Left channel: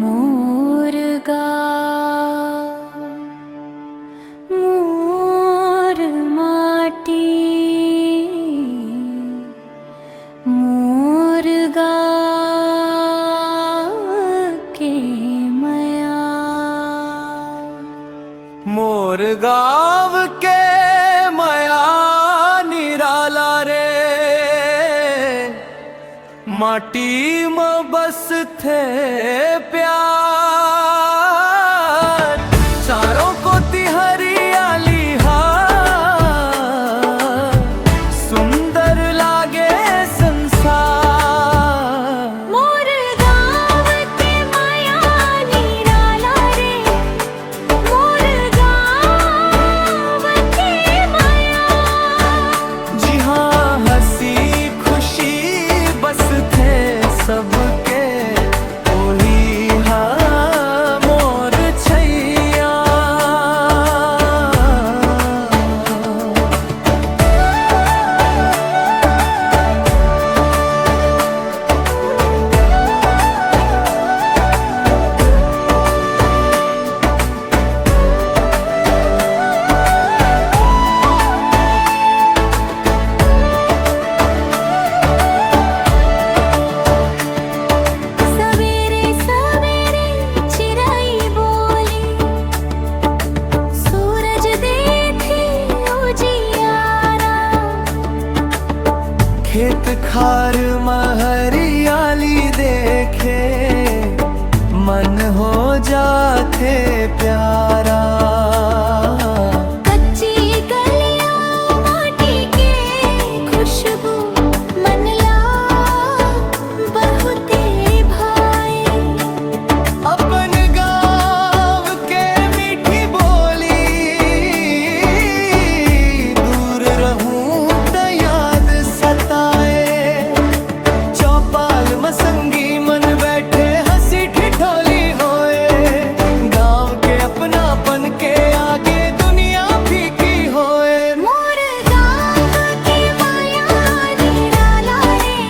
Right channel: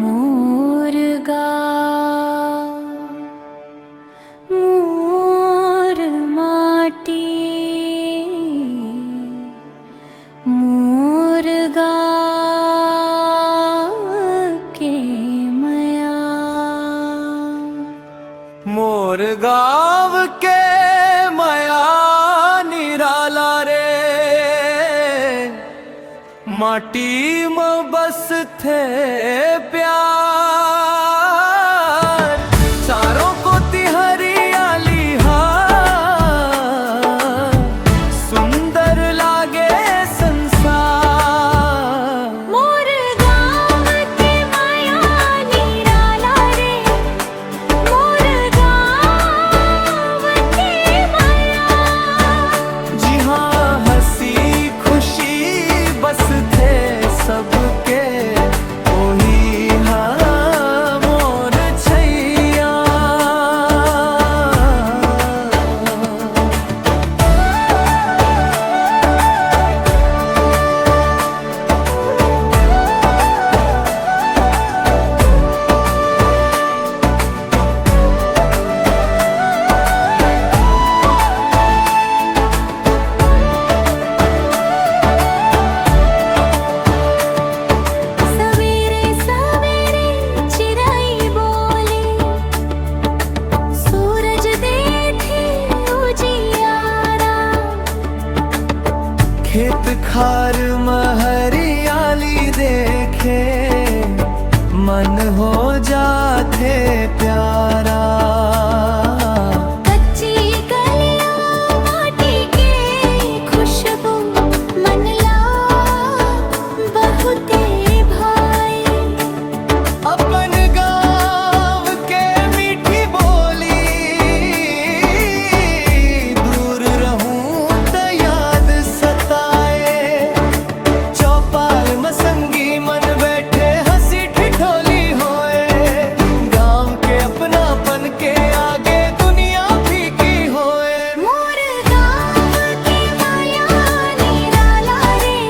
मुर्गा मोर माटी मुर्गा के मया मोर गाँव के मया निराला रे माटी में बस थे प्यार चारों को हरियाली हा सुंदर लागे संसार। मोर गाँव के मया निराला रे मोर गाँव के मया जी हाँ हंसी खुशी बस थे सबके ओही हाँ मोर छैया। सवेरे सवेरे चिड़ै बोली सूरज देखे उजियारा खेत खार में हरियाली देखे मन हो जाते प्यारा। कच्ची गलियां माटी के खुशबू मन ला बहुते भाई अपन गाँव के मीठी बोली दूर रहूं त याद सताए। चौपाल मसंगी मन बैठे हंसी ठिठोली होए गाँव के अपनापन के आगे दुनिया फीकी होए। मोर गाँव के माया निराला रे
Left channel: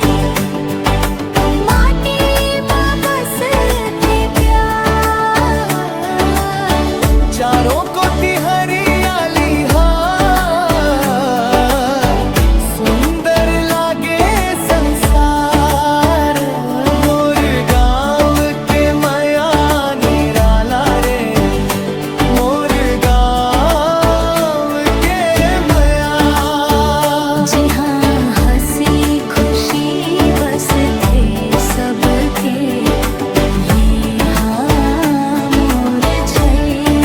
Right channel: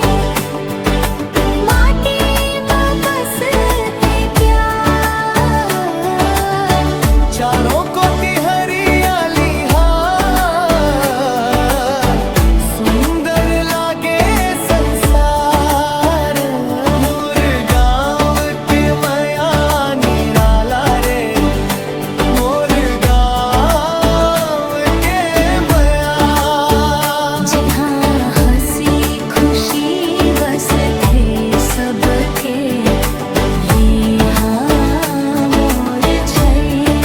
माटी में बस थे प्यार चारों को हरियाली हा सुंदर लागे संसार। मोर गाँव के मया निराला रे मोर गाँव के मया। जी हाँ हंसी खुशी बस थे सबके ये हाँ मोर छैया।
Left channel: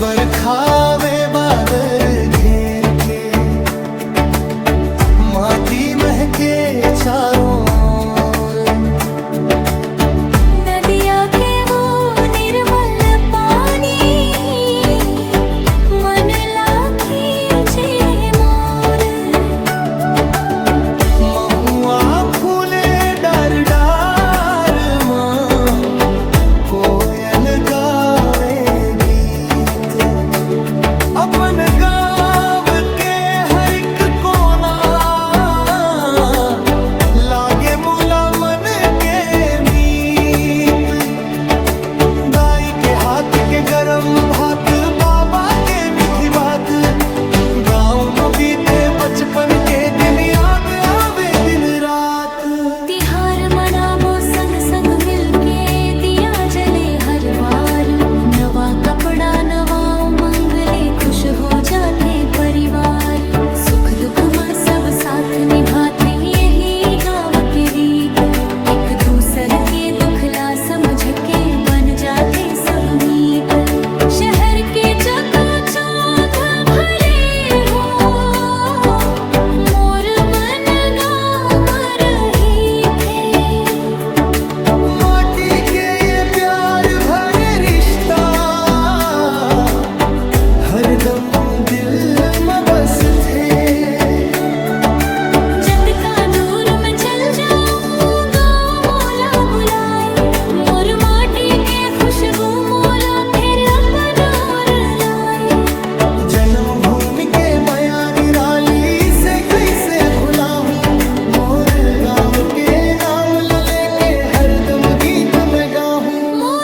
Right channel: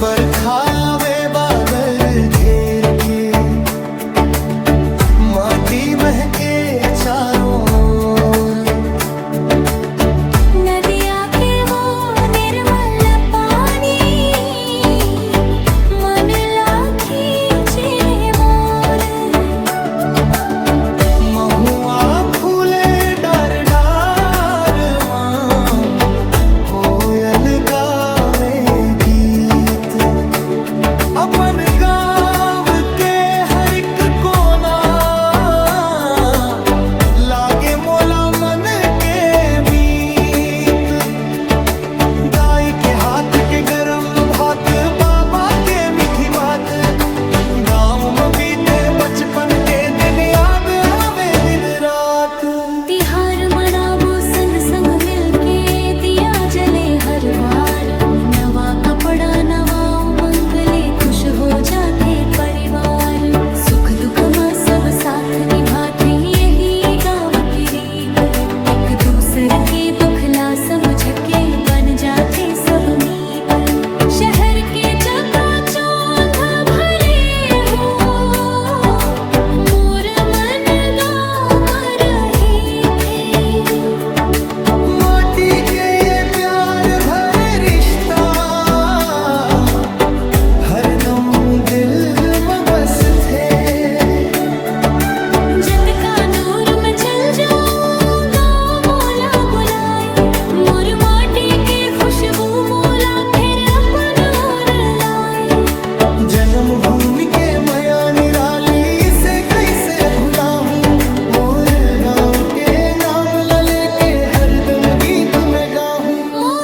बरखावे बादल घेर के माटी महके चारों ओर। नदिया के वो निर्मल पानी मन ला खींचे मोर महुआ फूले डार डार माँ कोयल गावे गीत। अपन गाँव के हर एक कोना लागे मोला मन के मीत। गाय के हाथ के गरम भात बाबा के मीठी बात गाँव में बीते बचपन के दिन याद आवे दिन रात। तिहार मनाबो संग संग मिलके दिया जले हर बार नवा कपड़ा नवा उमंग ले खुश हो जाते परिवार। सुख दुख में सब साथ निभाते यही गाँव की रीत एक दूसर के दुखला समझ के बन जाते सब मीत। शहर के चकाचौंध भले हो मोर मन गाँव में रही थे माटी के ये प्यार भरे रिश्ता हरदम दिल में बस थे। जत का दूर मैं चल जाऊंगा मोला बुलाए, मोर माटी के खुशबू मोला फिर अपन और लाए। जन्म भूमि के माया निराली से कैसे भुला हूँ, मोर गाँव के नाम ला लेके हरदम गीत मैं गाऊं।